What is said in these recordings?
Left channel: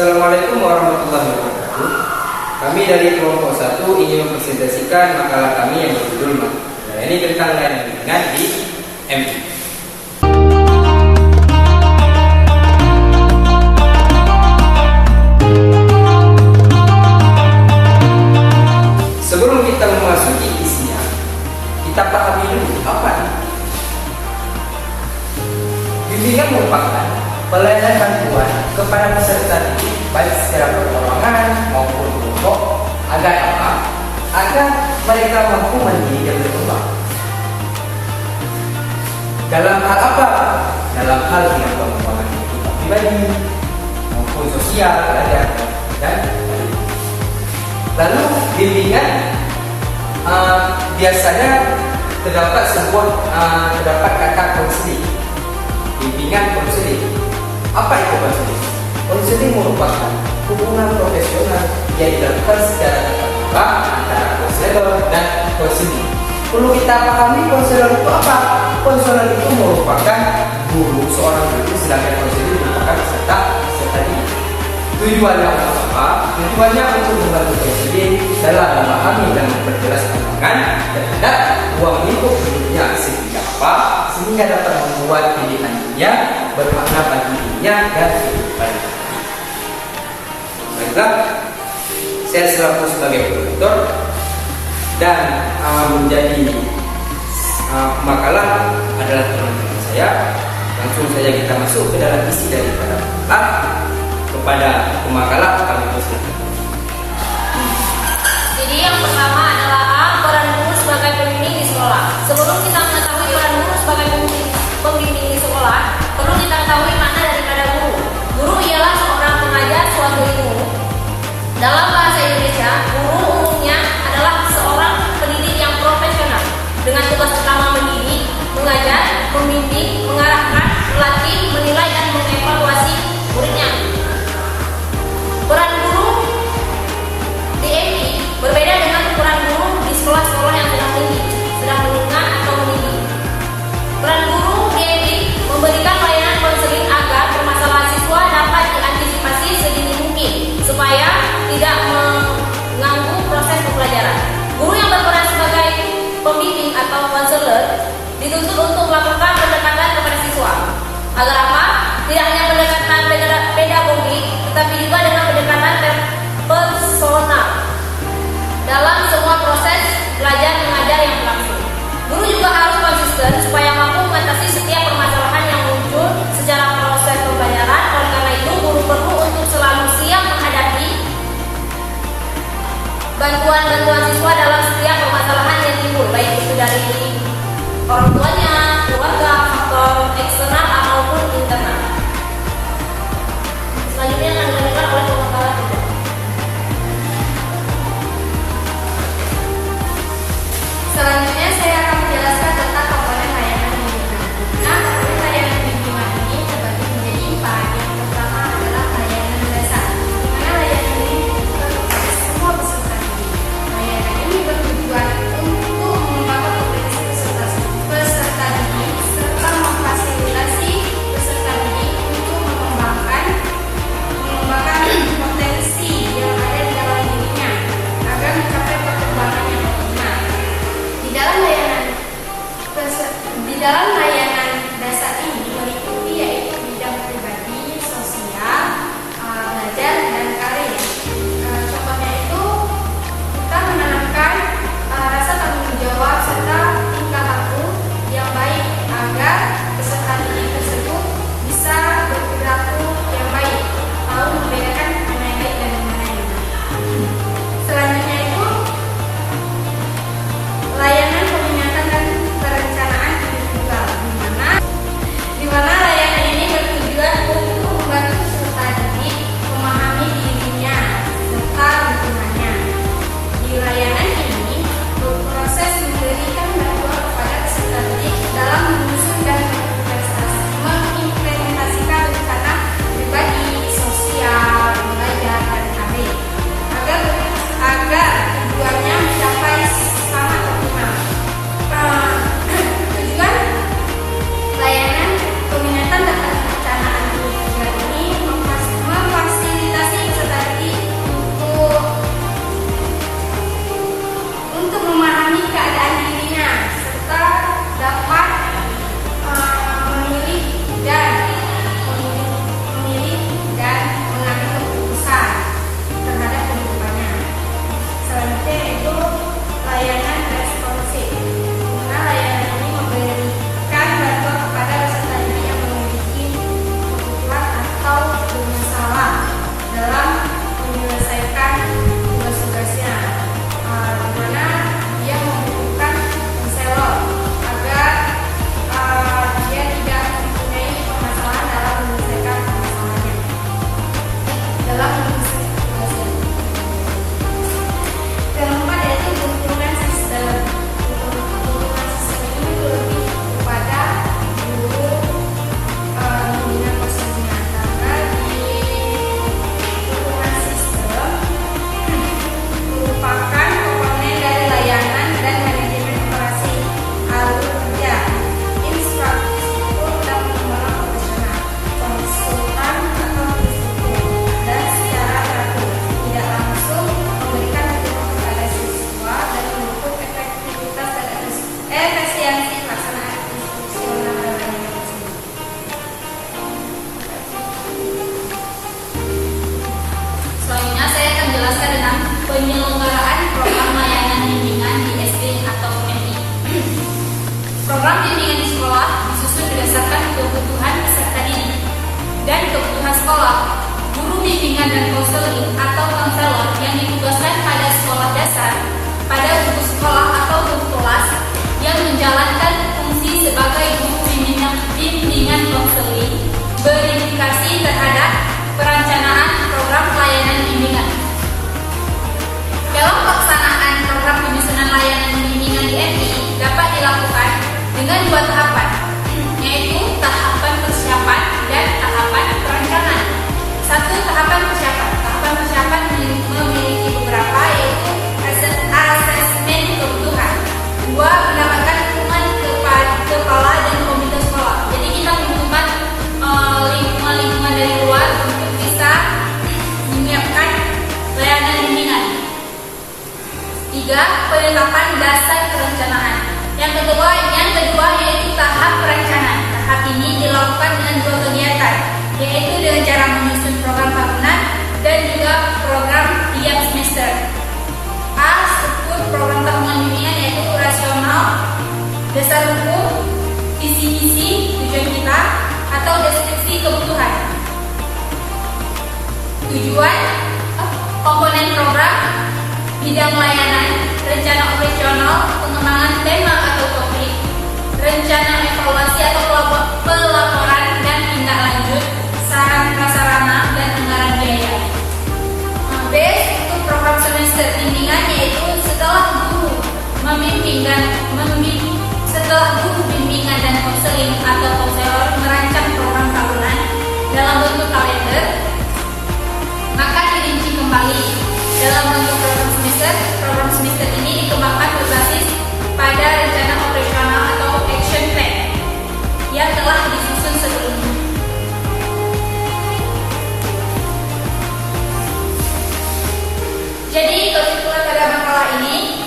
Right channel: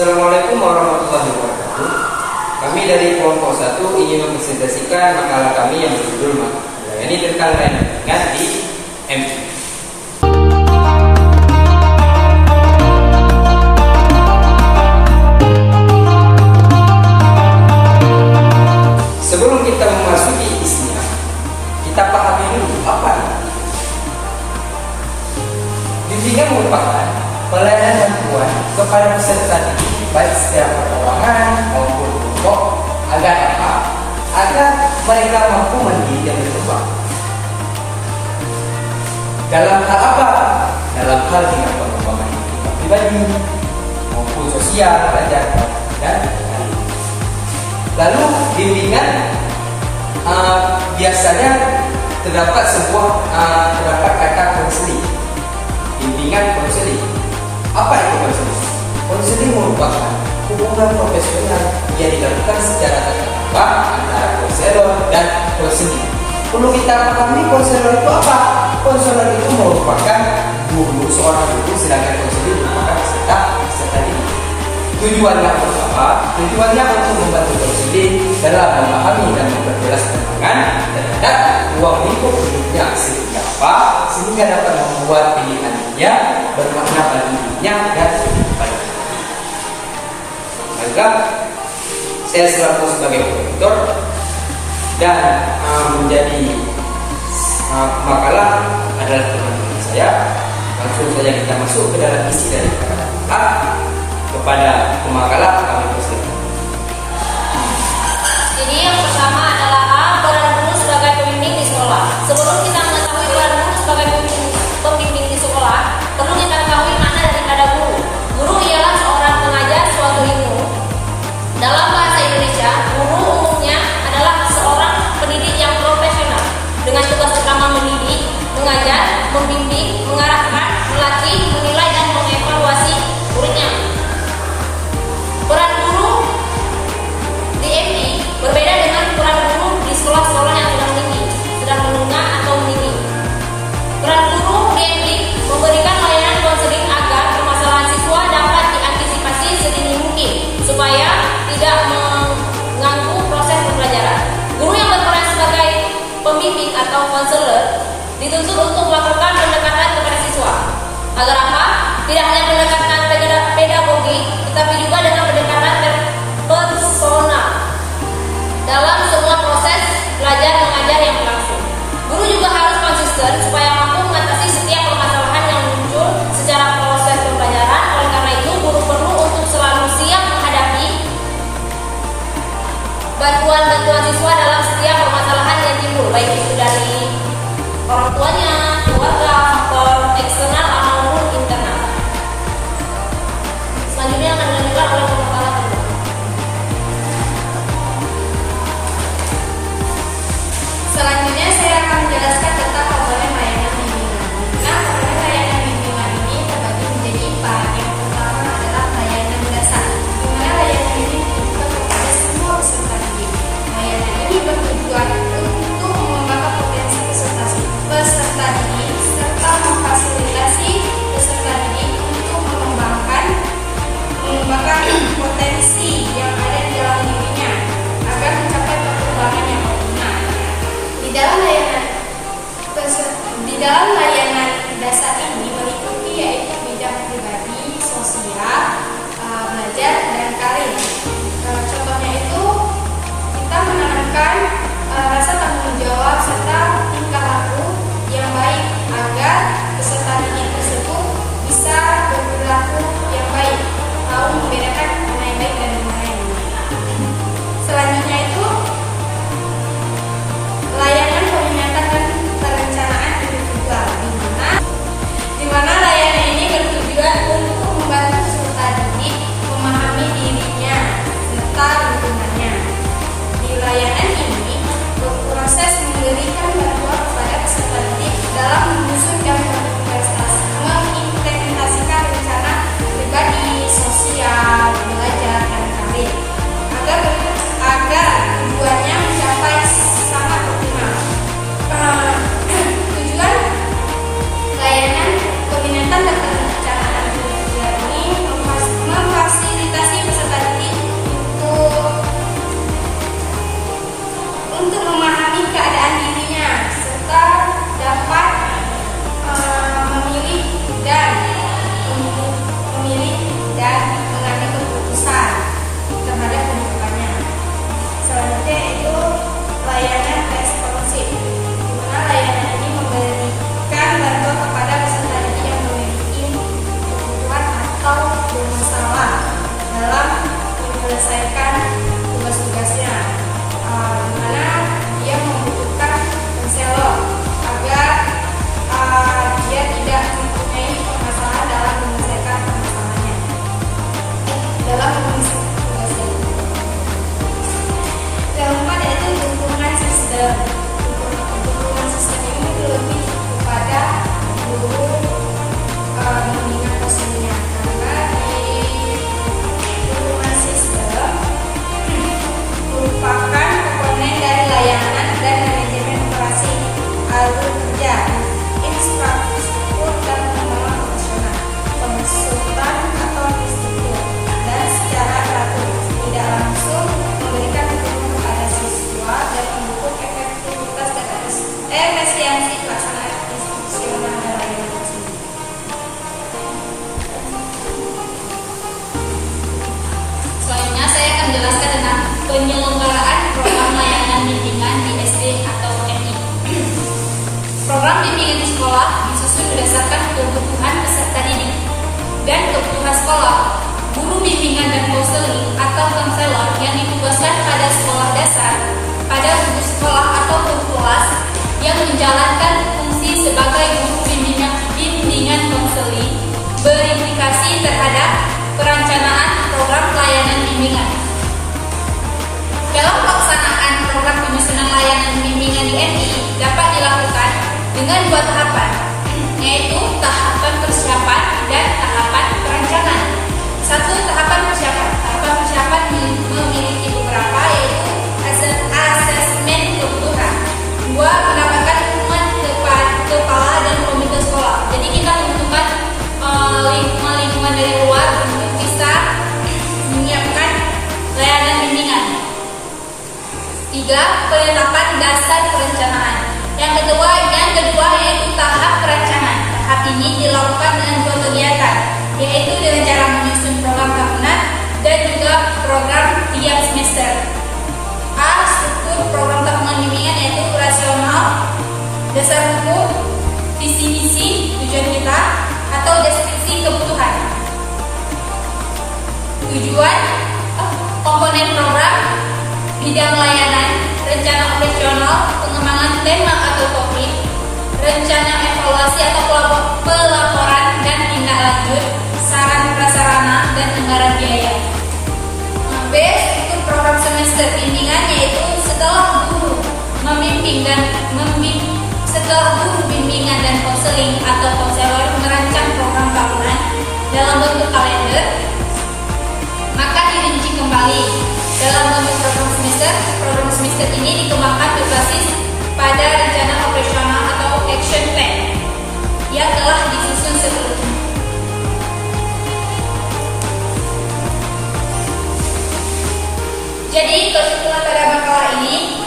Assalamualaikum warahmatullahi wabarakatuh. Kami dari kelompok 1 ingin mempresentasikan makalah kami yang berjudul melayani tentang layanan bimbingan di MI. Sebelum kita memasuki isinya, kita pahami dulu apa ini. Bimbingan merupakan pelayanan bantuan kepada peserta didik baik secara perorangan maupun kelompok agar apa? Agar mereka mampu mendidik dan berkembang. Dalam hal apa? Dalam hal dengan pengembangan pribadi maupun sosial, belajar dan lalu bimbingan biasanya terdapat kata konseling. Bimbingan konseling. Apa itu konseling? Konseling merupakan hubungan profesional yang dilakukan secara tatap muka antara konselor dan konseling. Perlu kita pahami konselor itu apa? Konselor itu merupakan guru, seorang guru, sedangkan konseling merupakan peserta didik. Tujuannya apa? Tujuannya untuk membantu konseling dalam memahami dan memperjelas pandangan terhadap ruang lingkup hidupnya sehingga apa? Sehingga dapat membuat pilihannya bermakna bagi dirinya dan kehidupannya. Baiklah, saya selaku sebagai koordinator dan menjadi makalah adalah teman-teman saya. Langsung saja kita masuk ke dalam isi daripada makalah. Kepada pemakalah kami persilakan. Jadi yang pertama adalah A. Peran guru sebagai pembimbing di sekolah. Sebelum kita mengetahui peran guru sebagai pembimbing di sekolah, perlu kita ketahui makna daripada guru. Guru ialah seorang pengajar suatu ilmu. Dalam bahasa Indonesia, guru umumnya adalah seorang pendidik yang profesional dengan tugas utama mendidik, mengajar, membimbing, mengarahkan, melatih, menilai dan mengevaluasi muridnya. Peran guru di MI berbeda dengan peran guru di sekolah-sekolah yang sedang tinggi, sedang menengah atau meninggi. Peran guru di MI memberikan layanan konseling agar permasalahan siswa dapat diantisipasi sedini mungkin supaya tidak mengganggu proses pembelajaran. Guru yang berperan sebagai pembimbing atau konselor dituntut untuk melakukan pendekatan kepada siswa. Agar apa? Tidak hanya pendekatan pedagogi, tetapi juga dengan pendekatan personal dalam semua proses belajar mengajar yang berlangsung. Guru juga harus konsisten supaya mampu mengatasi setiap permasalahan yang muncul secara proses pembelajaran. Oleh karena itu, guru perlu untuk selalu siap menghadapi bantuan siswa dalam setiap permasalahan yang timbul, baik itu dari orang tuanya, keluarga, faktor eksternal maupun internal. Selanjutnya akan dilanjutkan oleh pemakalah kedua. Selanjutnya saya akan menjelaskan tentang komponen layanan bimbingan. Nah, komponen layanan bimbingan ini terbagi menjadi 4. Yang pertama adalah layanan dasar, di mana layanan ini diberikan kepada semua peserta didik. Layanan ini bertujuan untuk mengembangkan potensi peserta tentang penyelenggaraan program layanan bimbingan di SD atau MI. Program bimbingan di sekolah disusun berdasarkan kebutuhan peserta didik dan kebutuhan sekolah. Guru bimbingan dan konseling atau konselor yang ditugaskan pada sekolah dasar, pada guru sekolah atau guru kelas yang menjalankan fungsi sebagai guru bimbingan konseling berindikasi terhadap perencanaan program layanan bimbingan. Dalam pelaksanaan program penyusunan layanan bimbingan di MI dapat dilakukan dengan 2 tahapan, yaitu tahapan persiapan dan tahapan perencanaan. 1. Tahapan persiapan. Tahapan persiapan memiliki beberapa, yaitu asesmen kebutuhan. 2. Mendapatkan dukungan kepala dan komite sekolah. Jadi kita membutuhkan lingkungan dari luar untuk bisa menyiapkan layanan bimbingan. 3. Penetapan dasar perencanaan. Yang kedua yaitu tahap perencanaan. Tahap ini dilakukan dengan 2 kegiatan, yaitu dengan cara menyusun program tahunan dan juga program tiap semester. A. Struktur program tahunan bimbingan yaitu rasional, dasar hukum, visi misi, tujuan kita, atau deskripsi kebutuhan. Tujuan, komponen program, bidang layanan, rencana operasional, pengembangan tema atau topik, rencana evaluasi atau pelaporan dan tindak lanjut, saran prasarana dan anggaran biaya. B. Struktur program semester bimbingan yaitu setelah guru bimbingan dan konseling atau konselor merancang program tahunan dalam bentuk kalender, maka dirinci kembali dalam bentuk program semester. Program semester ini dikembangkan berbasis pada rencana operasional atau action plan yang telah disusun sebelumnya. Jadi kesimpulan pada makalah ini,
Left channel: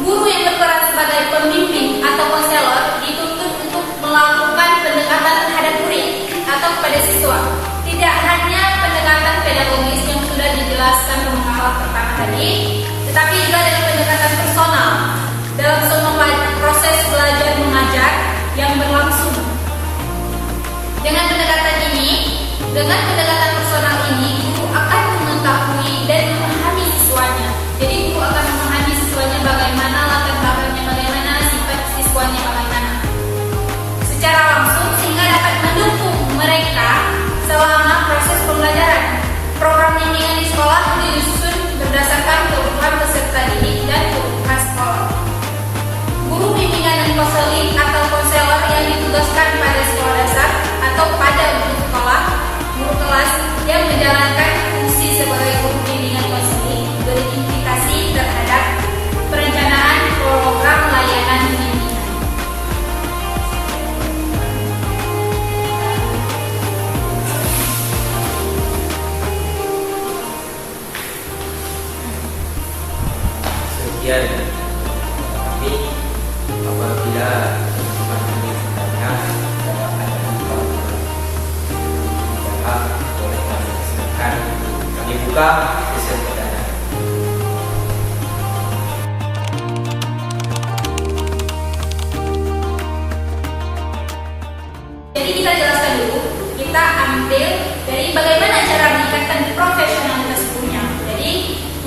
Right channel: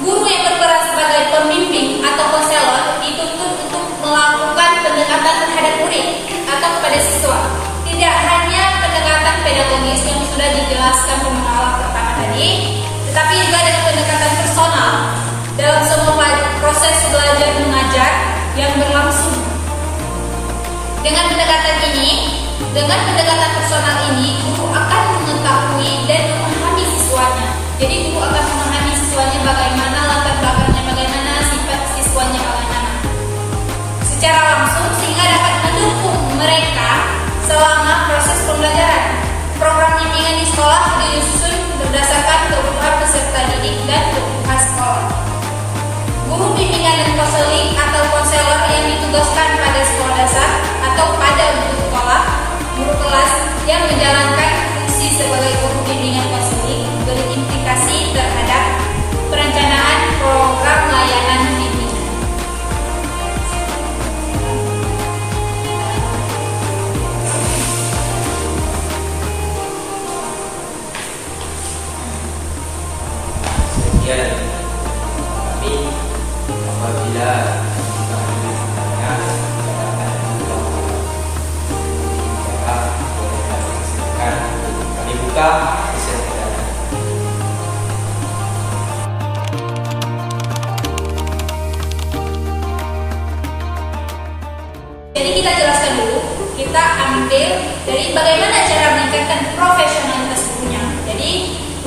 guru yang berperan sebagai pembimbing atau konselor dituntut untuk melakukan pendekatan terhadap murid atau kepada siswa. Tidak hanya pendekatan pedagogis yang sudah dijelaskan pemakalah pertama tadi, tetapi juga dengan pendekatan personal dalam semua proses belajar mengajar yang berlangsung. Dengan pendekatan personal ini, guru akan mengetahui dan memahami siswanya. Jadi guru akan memahami siswanya bagaimana latar belakangnya, bagaimana sifat siswanya, bagaimana secara langsung, sehingga dapat mendukung mereka selama proses pembelajaran. Program bimbingan di sekolah disusun berdasarkan kebutuhan peserta didik dan kebutuhan sekolah. Guru bimbingan dan konseling atau konselor yang ditugaskan pada sekolah dasar atau pada guru kelas yang menjalankan fungsi sebagai guru bimbingan konseling berimplikasi terhadap perencanaan program layanan bimbingan. Sekian. Tapi apabila kita membutuhkannya dalam keadaan boleh kami kesempatan. Kami buka kesempatan. Jadi kita jelaskan dulu, kita ambil dari bagaimana cara meningkatkan profesionalitas gurunya. Jadi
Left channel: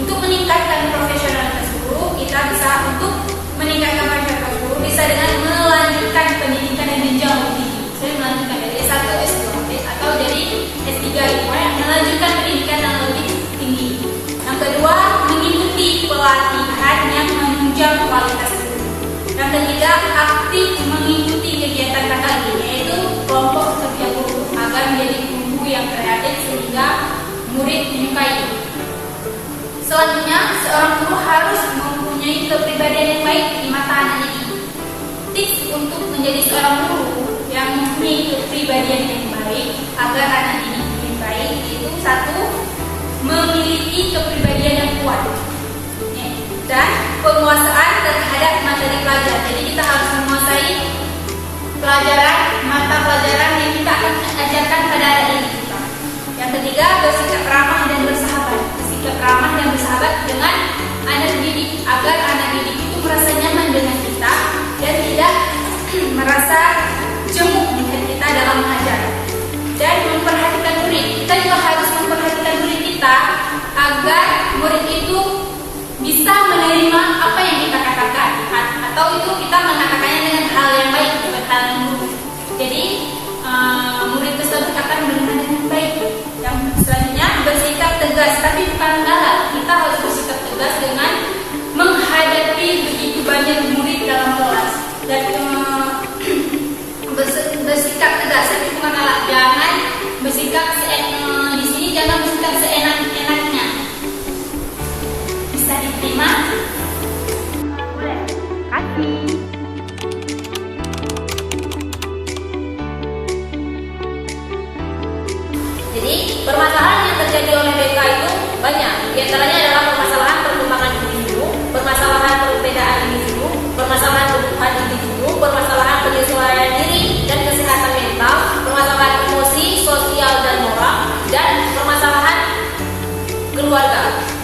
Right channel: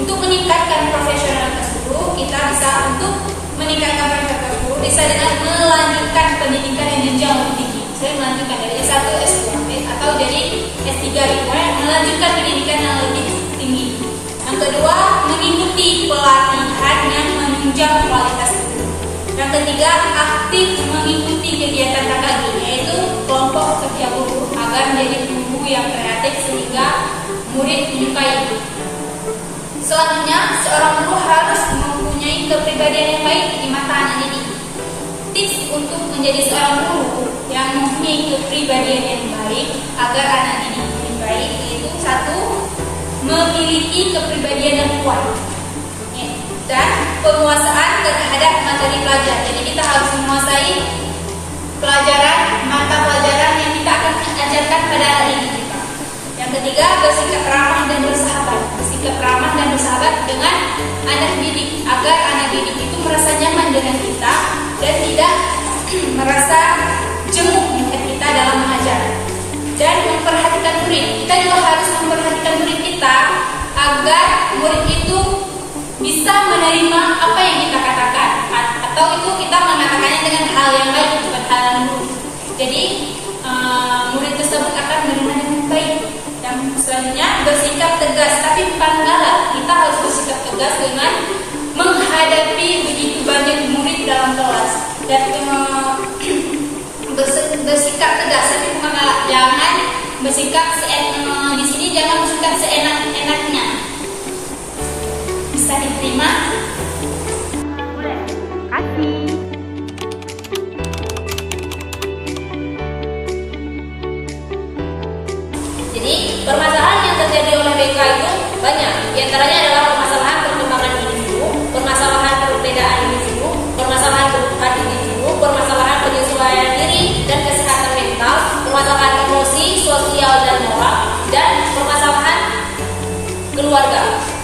untuk meningkatkan profesionalitas guru, kita bisa untuk meningkatkan profesionalitas guru bisa dengan melanjutkan pendidikan yang jenjang lebih tinggi. Saya melanjutkan dari S1 S2 atau dari S3 melanjutkan pendidikan yang lebih tinggi. Yang kedua, mengikuti pelatihan yang menunjang kualitas guru. Yang ketiga, aktif mengikuti kegiatan KKG, yaitu kelompok kerja guru agar menjadi guru yang kreatif sehingga murid menyukai. Selanjutnya, seorang guru harus mempunyai kepribadian yang baik di mata anak didik. Tips untuk menjadi seorang guru yang mempunyai kepribadian yang baik agar anak didik yang baik itu 1. Memiliki kepribadian yang kuat dan penguasaan terhadap materi pelajaran. Jadi kita harus menguasai mata pelajaran yang kita akan ajarkan pada anak didik kita. Yang ketiga, bersikap ramah dan bersahabat. bersikap ramah dan bersahabat dengan anak didik agar anak didik itu merasa nyaman dengan kita dan tidak merasa jenguk melihat kita dalam mengajar. Dan memperhatikan murid, kita juga harus memperhatikan murid kita agar murid itu bisa menerima apa yang kita katakan, atau itu kita mengatakannya dengan hal yang baik, bukan hal yang buruk. Jadi murid tersebut akan menerima dengan baik. Yang selanjutnya bersikap tegas, tapi bukan galak. Kita harus bersikap tegas dengan menghadapi begitu banyak murid dalam kelas. Dan bersikap tegas, tapi bukan galak. Jangan bersikap di sini jangan bersikap seenak-enaknya. Bisa diterima? Boleh. Kasih. Jadi, permasalahan yang terjadi oleh BK itu banyak. Di antaranya adalah permasalahan perkembangan individu, permasalahan perbedaan individu, permasalahan kebutuhan individu, permasalahan penyesuaian diri dan kesehatan mental, permasalahan emosi, sosial dan moral, dan permasalahan keluarga.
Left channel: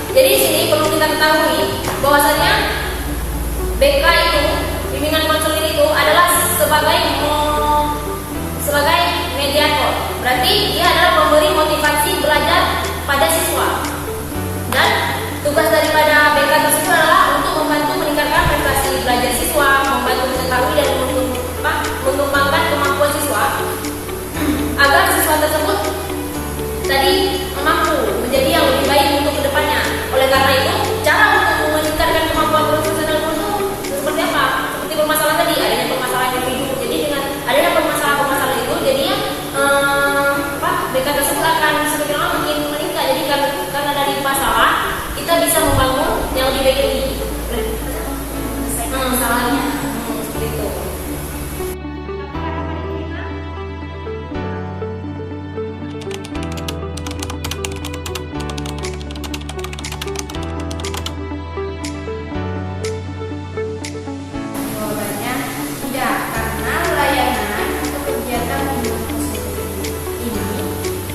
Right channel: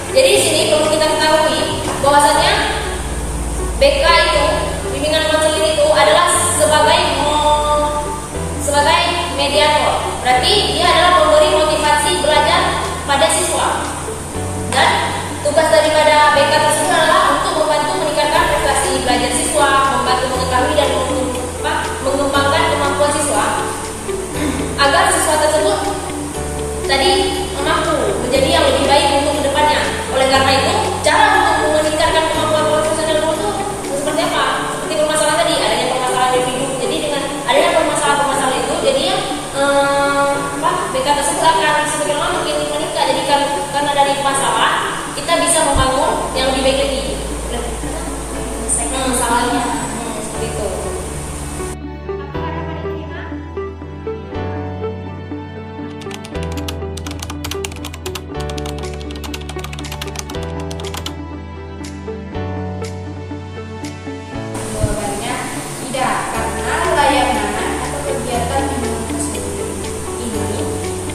Jadi di sini perlu kita ketahui bahwasanya BK itu, bimbingan konseling itu adalah sebagai mediator. Berarti dia adalah memberi motivasi belajar pada siswa. Dan tugas daripada BK tersebut adalah untuk membantu meningkatkan prestasi belajar siswa, membantu mengetahui dan mengembangkan kemampuan siswa agar siswa tersebut tadi mampu menjadi yang lebih baik untuk kedepannya. Oleh karena itu, cara untuk meningkatkan kemampuan profesional guru itu seperti apa? Seperti permasalahan tadi, adanya permasalahan individu. Jadi dengan adanya permasalahan itu, jadinya BK tersebut akan semakin lama makin meningkat. Jadi karena dari masalah kita bisa membangun yang lebih baik lagi. Masalahnya Seperti itu. jawabannya tidak, karena layanan atau kegiatan bimbingan konseling ini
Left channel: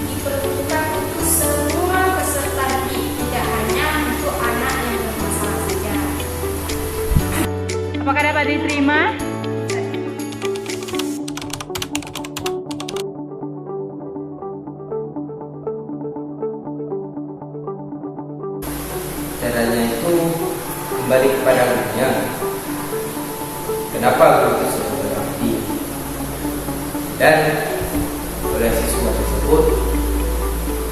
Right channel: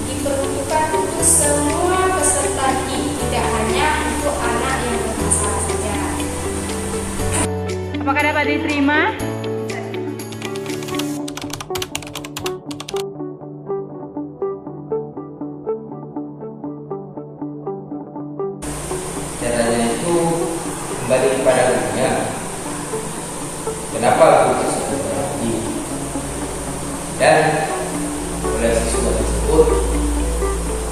diperuntukkan untuk semua peserta didik, tidak hanya untuk anak yang bermasalah saja. Apakah dapat diterima? Caranya itu kembali kepada gurunya. Kenapa guru tersebut berarti? Dan oleh siswa tersebut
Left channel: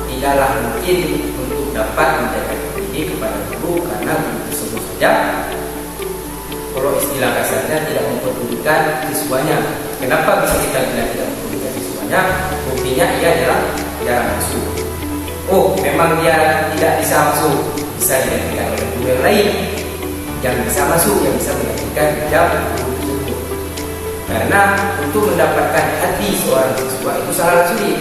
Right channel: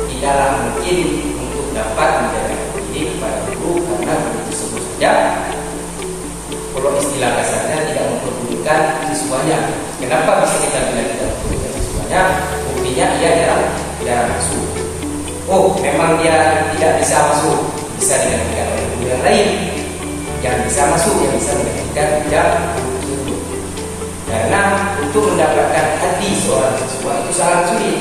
tidaklah mungkin untuk dapat menjaga diri kepada guru karena guru tersebut saja, kalau istilah kasarnya, tidak memperdulikan siswanya. Kenapa bisa kita bilang tidak memperdulikan siswanya? Buktinya dia jarang masuk. Oh, memang dia tidak bisa masuk, bisa digantikan oleh guru yang lain yang bisa masuk, yang bisa menggantikan jam guru tersebut. Karena untuk mendapatkan hati seorang siswa itu sangat sulit.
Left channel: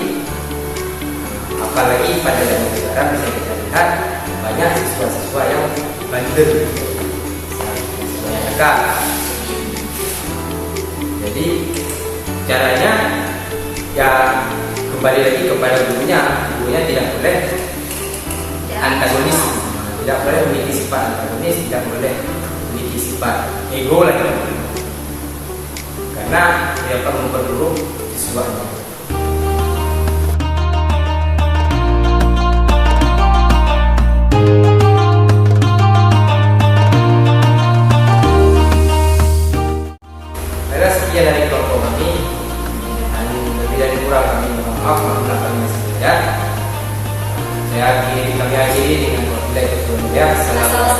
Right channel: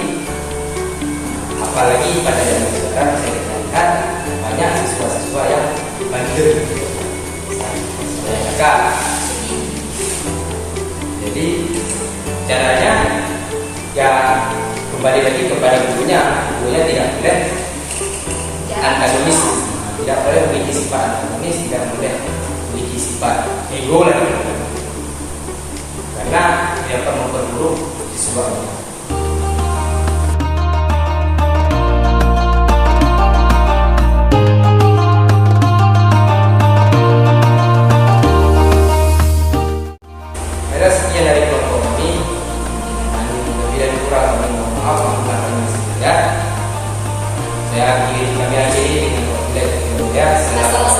Apalagi pada zaman sekarang bisa kita lihat banyak siswa-siswa yang bandel, siswa yang nakal. Jadi caranya ya kembali lagi kepada gurunya. Gurunya tidak boleh antagonis, tidak boleh memiliki sifat antagonis, tidak boleh memiliki sifat ego lagi, karena dia akan memperburuk siswanya. Sekian dari kelompok kami. Lebih dan kurang kami mohon maaf, kami saja. Kami akhiri dengan doa. Assalamualaikum.